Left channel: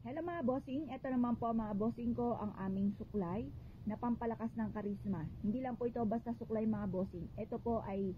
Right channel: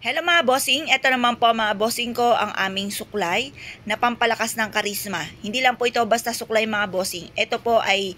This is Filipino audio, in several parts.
Hello mga bossing, eto naman po mga bossing ko ang aming suklay na pampalakas ng karisma. Hindi lang po ito basta suklay mga bossing. Ito po ay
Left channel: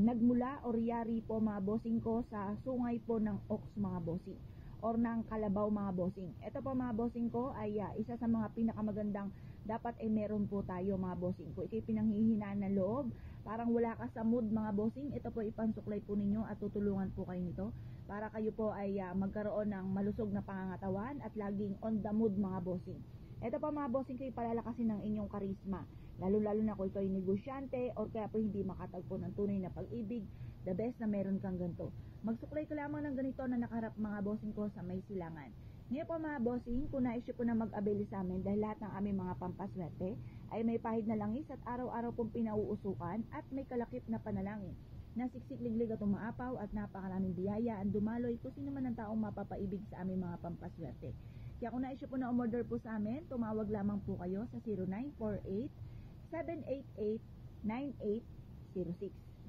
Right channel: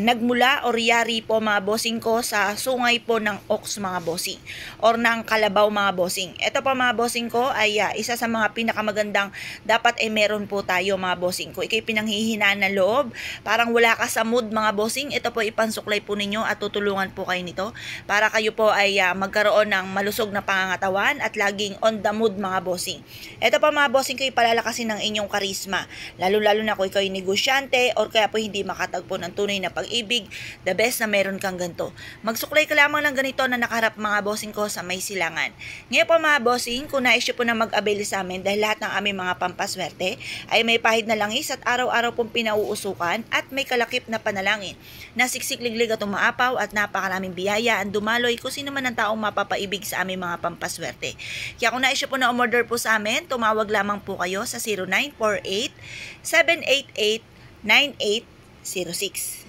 nagmula o yari po mga bossing ko sa sungay po ng ox mga bossing or ng kalabaw mga bossing. Ito po mga bossing ko ay isa sa mga pinakamagandang dapat ay meron po tayo mga bossing ko. Ikay pinanghihinaan ng loob, parang wala ka sa mood mga bossing. Ito po ipansuklay po ninyo at tutulungan po kayo nito para kayo po ay magkaroon ng malusog na pangangatawan at laging on the mood mga bossing. Ito pa mga bossing kayo palalakasin ng inyong karisma. Lalo-lalo na kung ikaw ay negosyante or kaya po hindi makatagpo ng tunay na pag-ibig, the best na meron kang ganito. Magsuklay ka lamang ng ganito na nakaharap mga bossing ko sa may silangan. Ngayon po mga bossing, kung na-issue po na mag-avail sa amin dahil lahat ng aming mga pampaswerte ay may pahid na langis at araw-araw pong pinauusukan at may kalakip na panalangin na siksik-liglig at umaapaw at napakaraming biyaya ang dumaloy kung sino man ang taong mapapaibig sa aming mga pampaswerte. Kaya kung na-issue po na umorder po sa amin, tumawag lamang po kayo sa 0948-788-9806.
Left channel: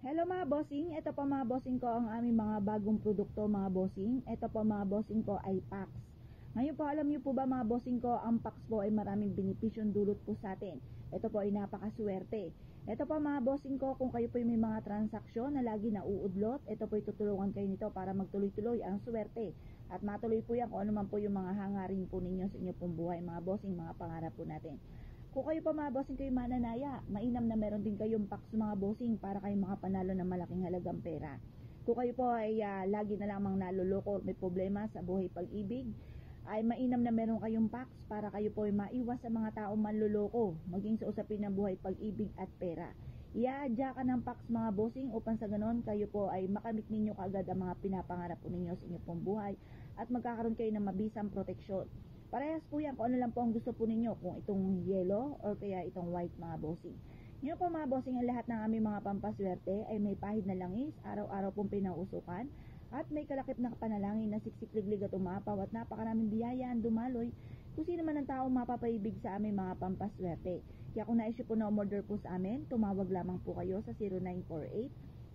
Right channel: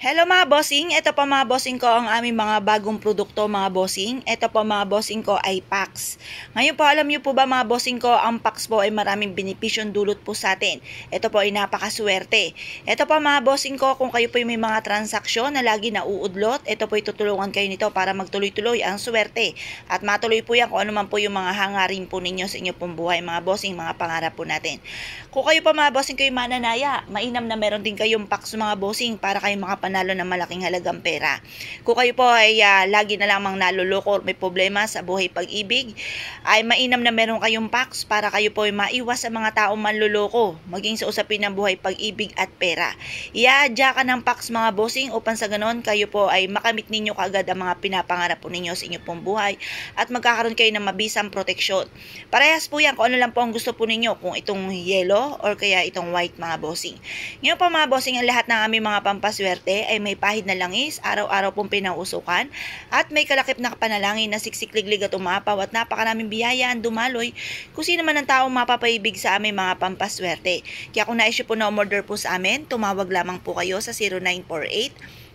Hello mga bossing, ito po mga bossing ko ang aming mga bagong produkto mga bossing. Ito po mga bossing ko ay packs. Ngayon po alam niyo po ba mga bossing ko, ang packs po ay maraming benepisyon dulot po sa atin. Ito po ay napakaswerte. Ito po mga bossing ko, kung kayo po ay may mga transaksyon na lagi na uudlot, ito po ay tutulungan kayo nito para magtuloy-tuloy ang swerte. At matuloy po yan kung ano man po yung mga hangarin po ninyo sa inyo pong buhay mga bossing, mga pangarap po natin. Kung kayo pa mga bossing kayo mananaya, mainam na meron din kayong packs mga bossing para kayo makapanalo ng malaking halagang pera. Kung kayo po ay lagi na lamang naluloko or may problema sa buhay pag-ibig, ay mainam na meron kayong packs para kayo po ay maiwas sa mga taong manluloko, maging sa usapin ng buhay pag-ibig at pera. Iaadya ka ng packs mga bossing upang sa ganon kayo po ay makamit ninyo kaagad ang mga pinapangarap po ninyo sa inyo pong buhay at magkakaroon kayo ng mabisang proteksyon. Parehas po yan kung ano lang po ang gusto po ninyo, kung itong yellow or kaya itong white mga bossing. Ngayon po mga bossing, ang lahat ng aming mga pampaswerte ay may pahid na langis, araw-araw pong pinausukan at may kalakip na panalangin na siksik-liglig at umapaw at napakaraming biyaya ang dumaloy kung sino man ang taong mapapaibig sa aming mga pampaswerte. Kaya kung na-issue po na umorder po sa amin, tumawag lamang po kayo sa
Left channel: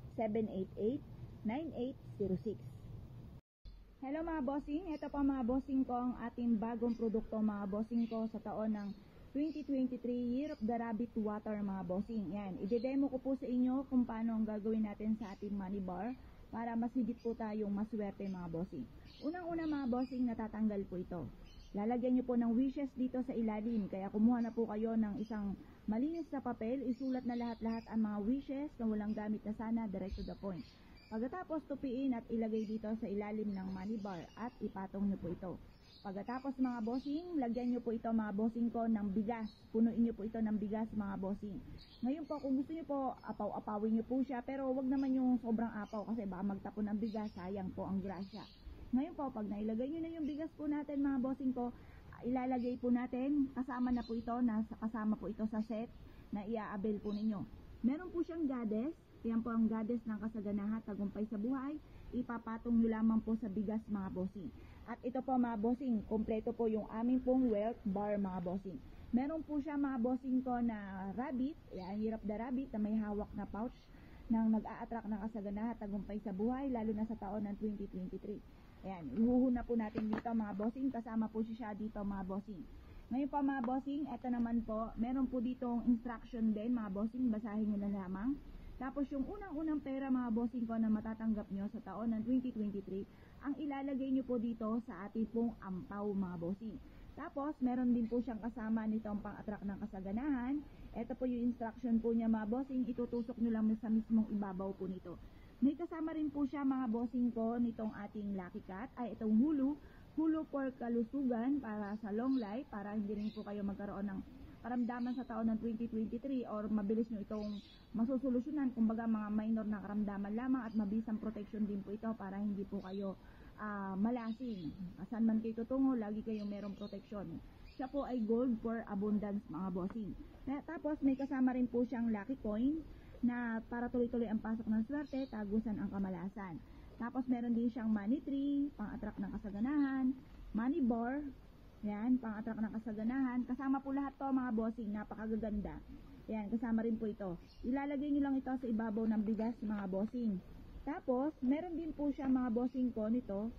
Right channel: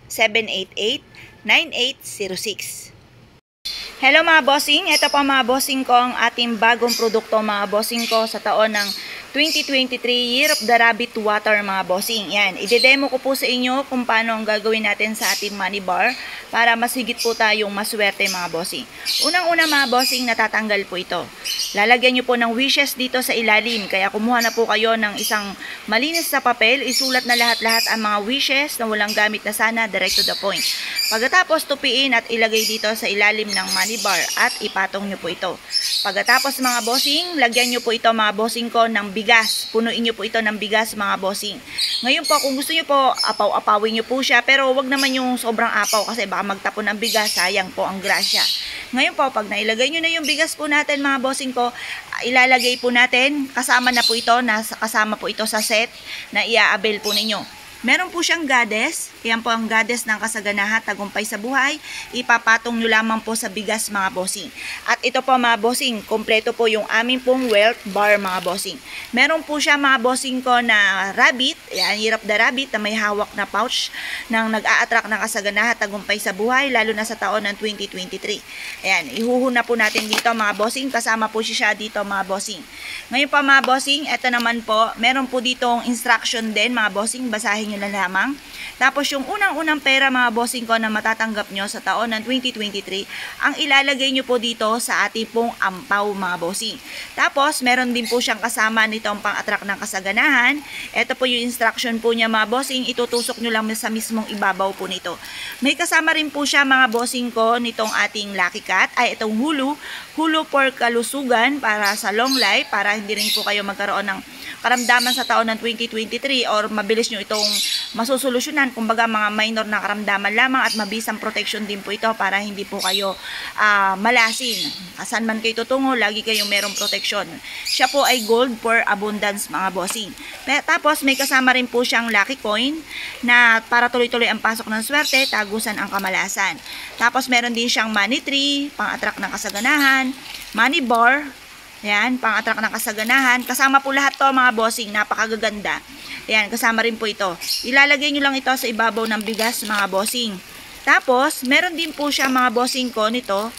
0948-788-9806. Hello mga bossing, ito pa mga bossing ko ang ating bagong produkto mga bossing ko sa taon ng 2023 Year of the Rabbit Water mga bossing. Yan, ide-demo ko po sa inyo kung paano ang gagawin natin sa ating money bar para mas higit po tayong maswerte mga bossing. Unang-una mga bossing, natatanggal po ito. Lalagyan nyo po ng wishes dito sa ilalim, kaya kumuha na po kayo ng isang malinis na papel, isulat na lahat-lahat ang mga wishes na walang gamit na sana, direct to the point. Pagkatapos tupiin at ilagay dito sa ilalim ng money bar at ipatong nyo po ito. Pagkatapos mga bossing, lagyan nyo po ito mga bossing ko ng bigas. Punuin nyo po ito ng bigas mga bossing. Ngayon po kung gusto nyo po, apaw-apawin nyo po siya, pero wag naman yung sobrang apaw kasi baka magtapon ng bigas, sayang po ang grasya. Ngayon po, pag nailagay nyo na yung bigas po natin mga bossing ko, ilalagay po natin, kasama na po ito, kasama po ito sa set na i-avail po ninyo. Meron po siyang goddess, yan po ang goddess ng kasaganahan, tagumpay sa buhay, ipapatong nyo lamang po sa bigas mga bossing. At ito po mga bossing, kompleto po yung aming pong wealth bar mga bossing. Meron po siya mga bossing ko na rabbit, yan, Year of the Rabbit na may hawak na pouch nang nag-a-attract ng kasaganahan, tagumpay sa buhay, lalo na sa taon ng 2023. Ayan, ihuhuna po natin dito mga bossing, kasama po siya dito mga bossing. Ngayon pa mga bossing, ito naman po, meron po ditong instruction din mga bossing, basahin nyo na lamang. Tapos yung unang-unang pera mga bossing ko na matatanggap nyo sa taon ng 2023, ang ilalagay nyo po dito sa ating pong ampaw mga bossing. Tapos meron din po siyang kasama nitong pang-attract ng kasaganahan. Ito po yung instruction po niya mga bossing, itutusok nyo lang sa mismong ibabaw po nito. May kasama rin po siya mga bossing ko nitong ating Lucky Cat, ay itong hulu for kalusugan para sa long life, para hindi rin po kayo magkaroon ng karamdaman sa taon ng 2023 or mabilis nyo itong masusolusyonan, kumbaga mga minor na karamdaman lamang at mabisang protection din po ito para hindi po kayo malasin. Asan man kayo tutungo, lagi kayong merong protection. Siya po ay gold for abundance mga bossing. Tapos may kasama rin po siyang lucky coin na para tuloy-tuloy ang pasok ng swerte, tagusan ang kamalasan. Tapos meron din siyang money tree, pang-attract ng kasaganahan, money bar, yan, pang-attract ng kasaganahan. Kasama po lahat to mga bossing, napakagaganda. Yan, kasama rin po ito. Ilalagay nyo lang ito sa ibabaw ng bigas mga bossing. Tapos, meron din po siya mga bossing ko nito.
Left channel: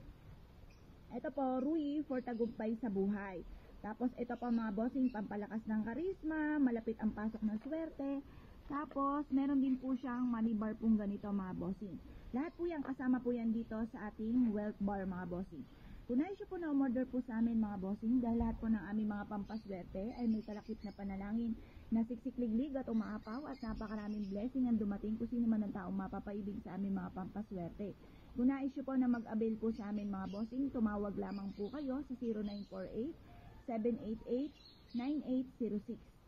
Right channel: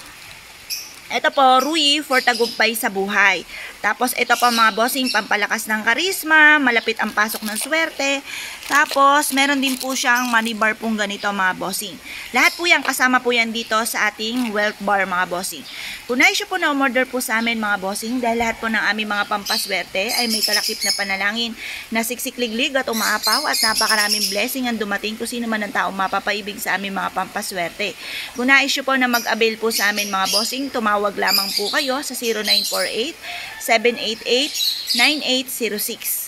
Ito po, Rui for tagumpay sa buhay. Tapos ito po mga bossing, pampalakas ng karisma, malapit ang pasok ng swerte. Tapos meron din po siyang money bar pong ganito mga bossing. Lahat po yan, kasama po yan dito sa ating wealth bar mga bossing. Kung nais po na umorder po sa amin mga bossing, dahil lahat po ng aming mga pampaswerte ay may kalakip na panalangin na siksikliglig at umaapaw at napakaraming blessing ang dumating kung sino man ang taong mapapaibig sa aming mga pampaswerte. Kung nais po na mag-avail po sa amin mga bossing, tumawag lamang po kayo sa 0948-788-9806.